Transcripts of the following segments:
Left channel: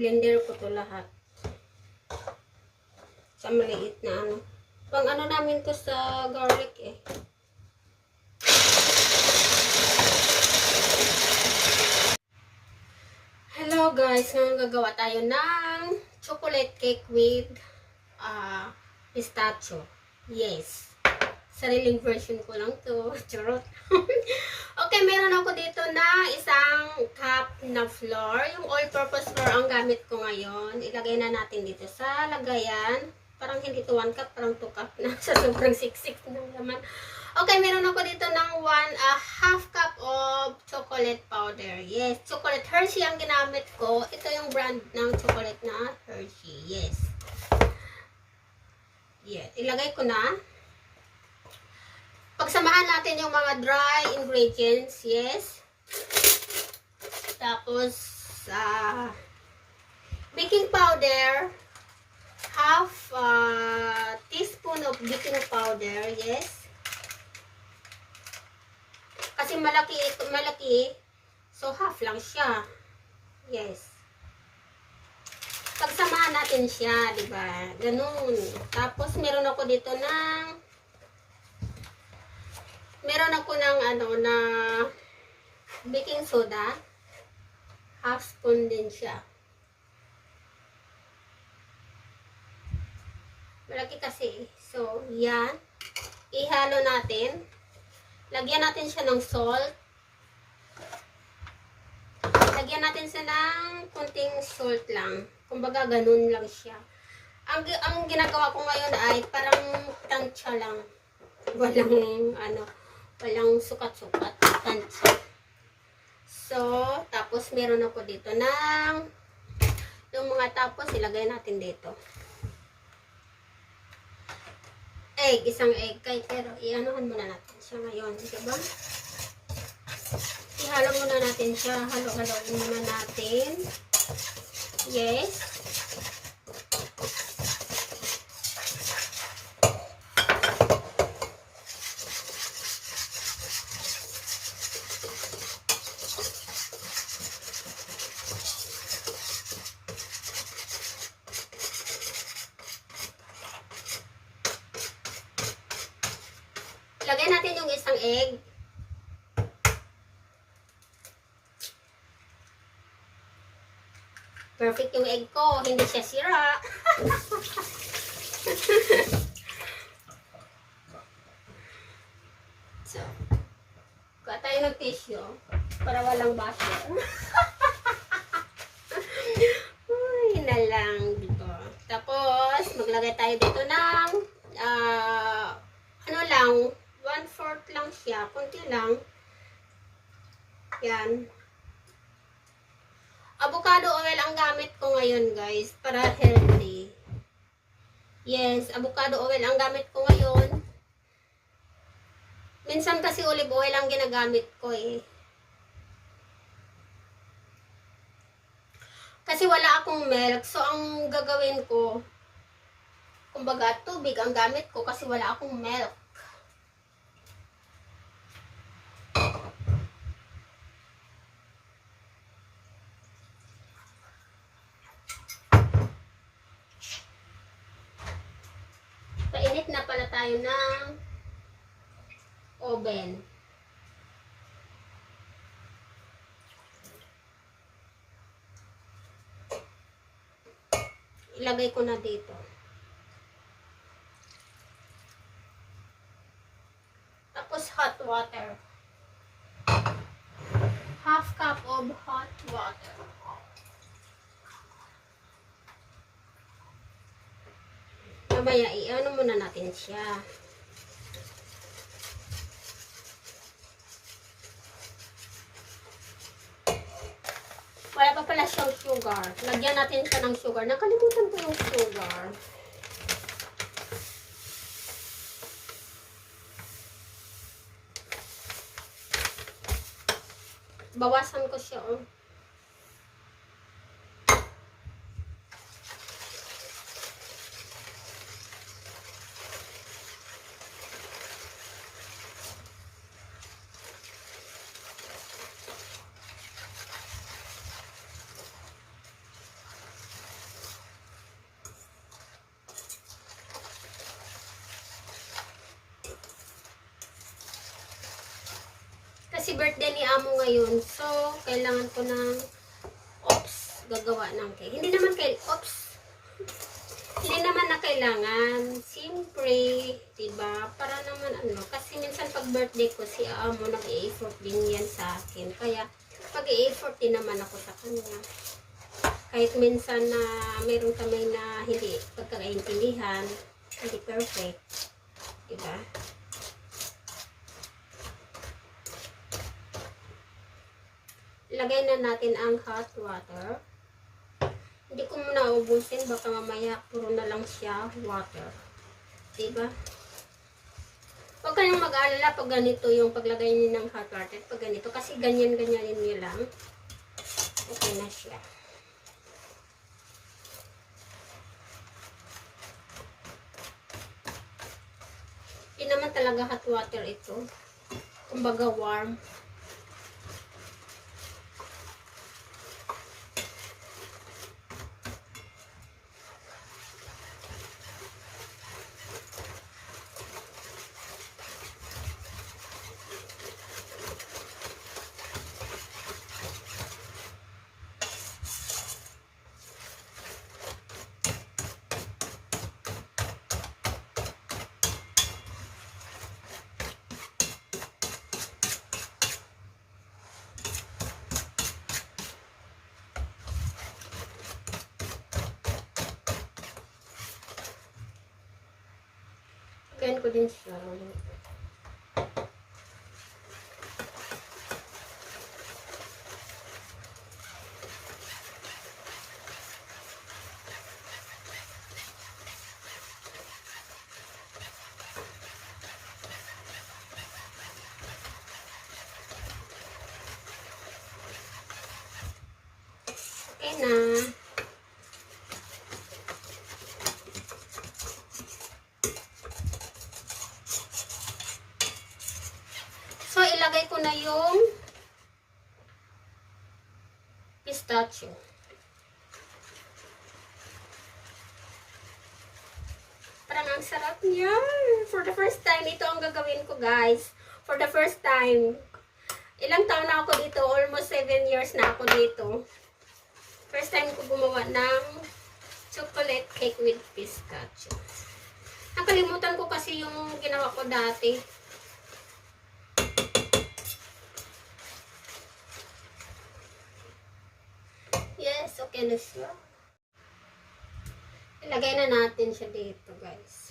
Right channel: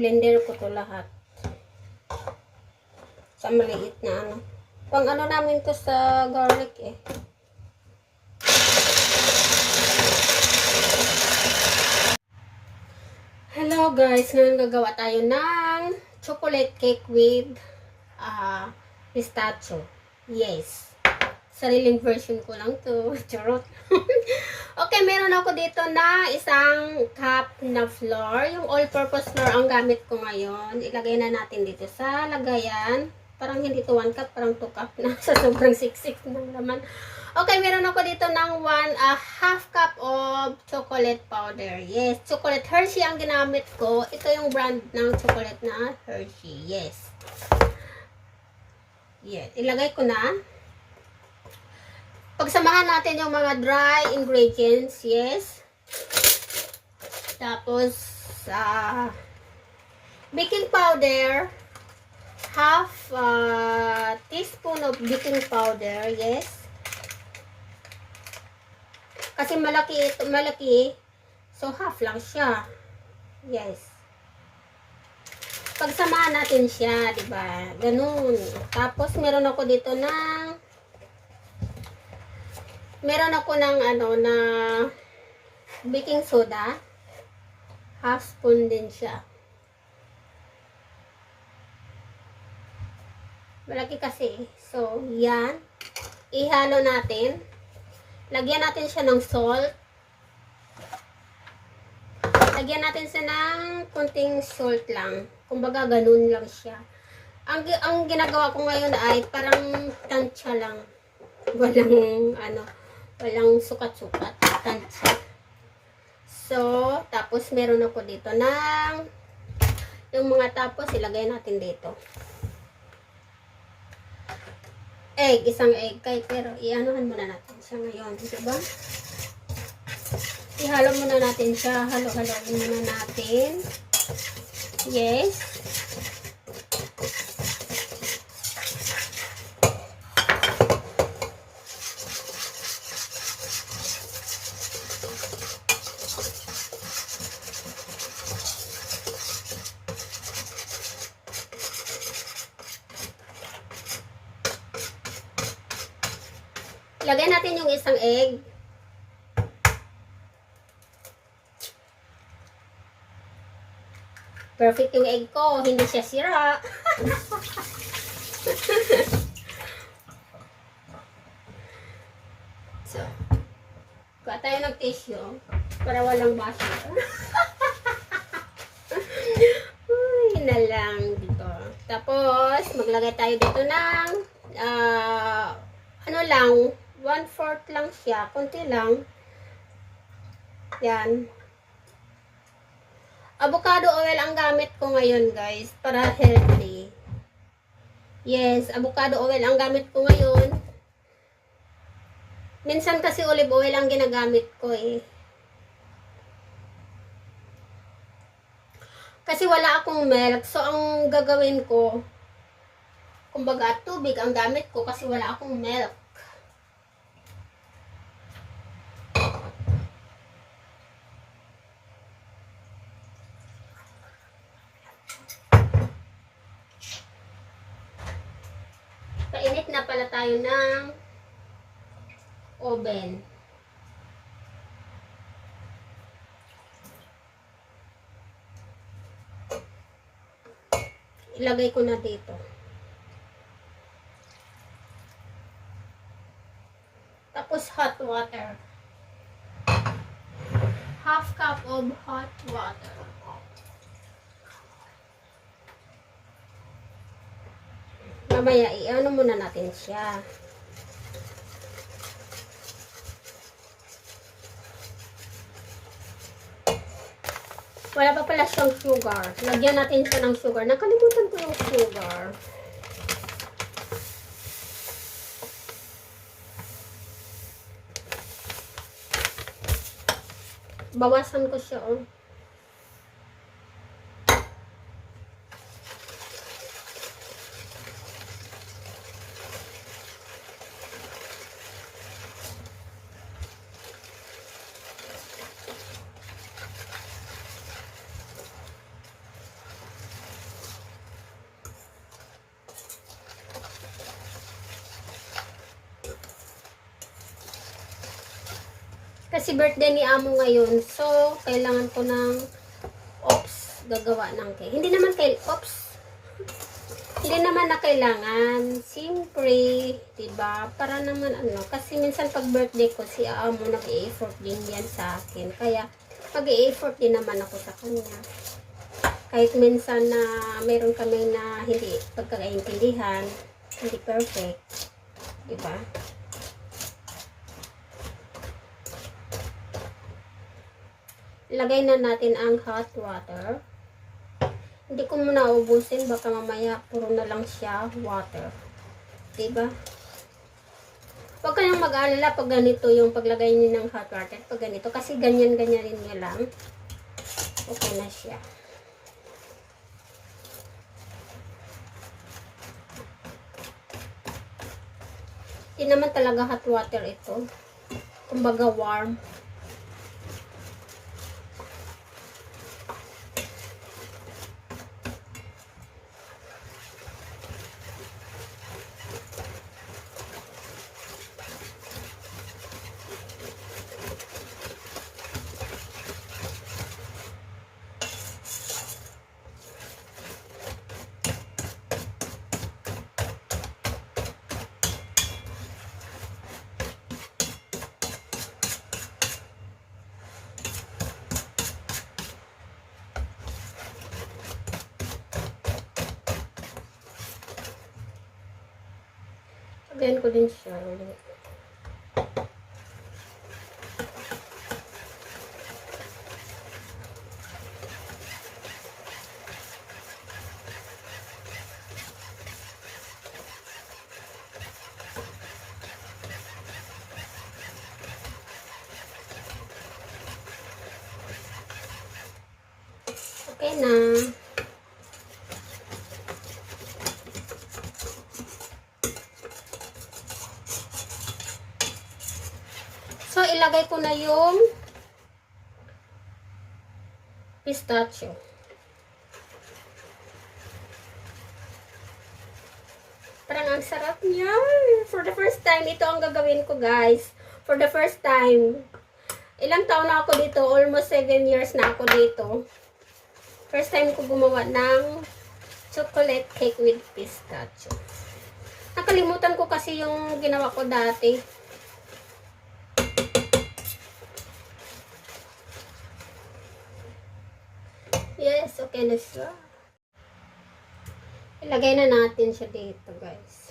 blender ko to lahat. Sa maliit na ano. Pang ano namin to sa garlic eh. Hello guys, ngayon gagawa tayo ng chocolate cake with pistachio. Yes. Sariling version ko lang to. Charot. Okay, meron ako dito na isang cup na flour. Yung all-purpose flour ang gamit ko ngayon. Ilagay na natin dito sa lagayan. Parang hindi to 1 cup, parang 2 cup na. Sa sobrang siksik ng laman. Okay, meron ako dito ng half cup of chocolate powder. Yes, chocolate Hershey ang ginamit ko. Ito yung brand ng chocolate na Hershey. Yes. Yes, ilagay ko na. Pagsamahan natin yung mga dry ingredients. Yes. Tapos, baking powder. Half teaspoon of baking powder. Yes. Kasi malaki. So, half lang siya. Yes. Pagsamahan natin siya, diba? Ganun. Tapos, meron ako dito ng na baking soda. Half spoon din siya. Malaki kasi. So, yan. Ihalo natin. Lagyan natin siya ng salt. Lagyan natin siya ng kunting salt lang. Kumbaga, ganun lang siya. Ang ginagawa ko ngayon ay parang tansya lang. Walang sukat-sukat. Tansya. So, tapos meron ako dito ng yung mga tapos ilagay natin dito. Isang egg pero ianuhan muna natin siya ngayon, diba? Ihalo muna natin siya, halo-haloin muna natin. Yes. Lagay natin yung isang egg. Perfect yung egg ko. Hindi siya sira. So, kuha tayo ng tissue para walang basyo. Ay, na lang dito. Tapos, maglagay tayo dito ng 1/4 lang siya. Kunti lang. Yan. Avocado oil ang gamit ko ngayon, guys. Para healthy. Yes, avocado oil ang gamit ko ngayon. Minsan kasi olive oil ang ginagamit ko eh. Kasi wala akong milk. So, ang gagawin ko, kumbaga, tubig ang gamit ko kasi wala akong milk. Painit na pala tayo ng oven. Ilagay ko na dito. Tapos hot water. Half cup of hot water. Mamaya, i-ano muna natin siya. Wala pa pala siyang sugar. Lagyan natin siya ng sugar. Nakalimutan ko yung sugar. Bawasan ko siya, oh. Kasi birthday ni Amo ngayon. So, kailangan ko ng gagawa ng cake. Hindi naman hindi naman na kailangan. Siyempre, diba? Para naman kasi minsan pag birthday ko, si Amo nag-i-effort din yan sa akin. Kaya, pag-i-effort din naman ako sa kanya. Kahit minsan na mayroon kami na hindi pagkakaintindihan, hindi perfect. Diba? Lagay na natin ang hot water. Hindi ko muna ubusin, baka mamaya puro na lang siya water. Diba? Huwag kayong mag-alala pag ganito yung paglagay niyo ng hot water. Pag ganito, kasi ganyan-ganyanin niyo lang. Okay na siya. Hindi naman talaga hot water ito. Kumbaga warm. Lagyan ko din siya ulit. Okay na. So, ilagay ko na yung pistachio. Parang ang sarap niya. For the first time, ito ang gagawin ko, guys. For the first time. Ilang taon na ako dito? Almost 7 years na ako dito. First time ko gumawa ng chocolate cake with pistachio. Nakalimutan ko kasi yung ginawa ko dati. Yes, okay na siya. Ilagay na natin siya dito, guys.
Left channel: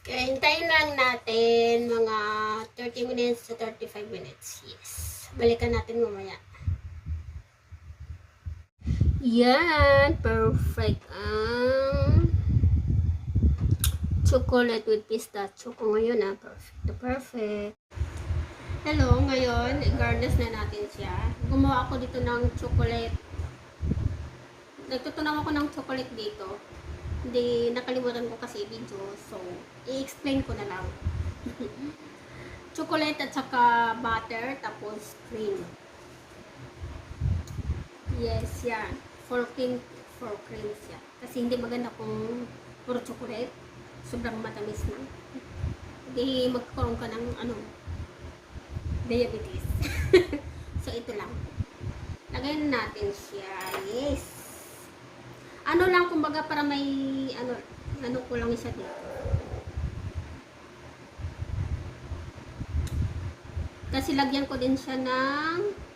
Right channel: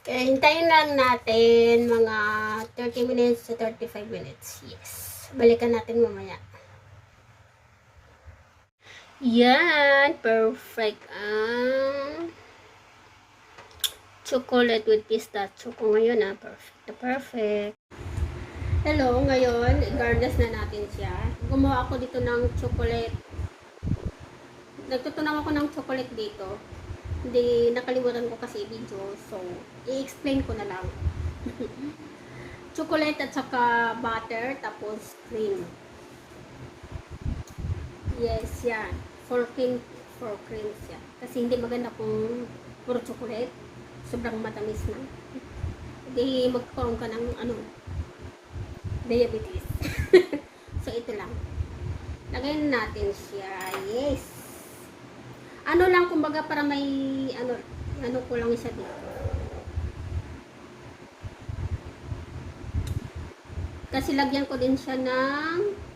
Kaya hintayin lang natin mga 30 minutes to 35 minutes. Yes. Balikan natin mamaya. Yan. Perfect ang chocolate with pistachio ko ngayon. Perfect. Perfect. Hello. Ngayon, i-garnish na natin siya. Gumawa ako dito ng chocolate. Nagtutunaw ako ng chocolate dito. Hindi, nakalimutan ko kasi video. So, i-explain ko na lang. Chocolate at saka butter, tapos cream. Yes, yan. For cream siya. Kasi hindi maganda kung puro chocolate. Sobrang matamis na. Hindi magkaroon ka ng diabetes. So, ito lang. Lagay natin siya. Yes. Ano lang, kumbaga para may, ano ko lang isa dito. Kasi lagyan ko din siya ng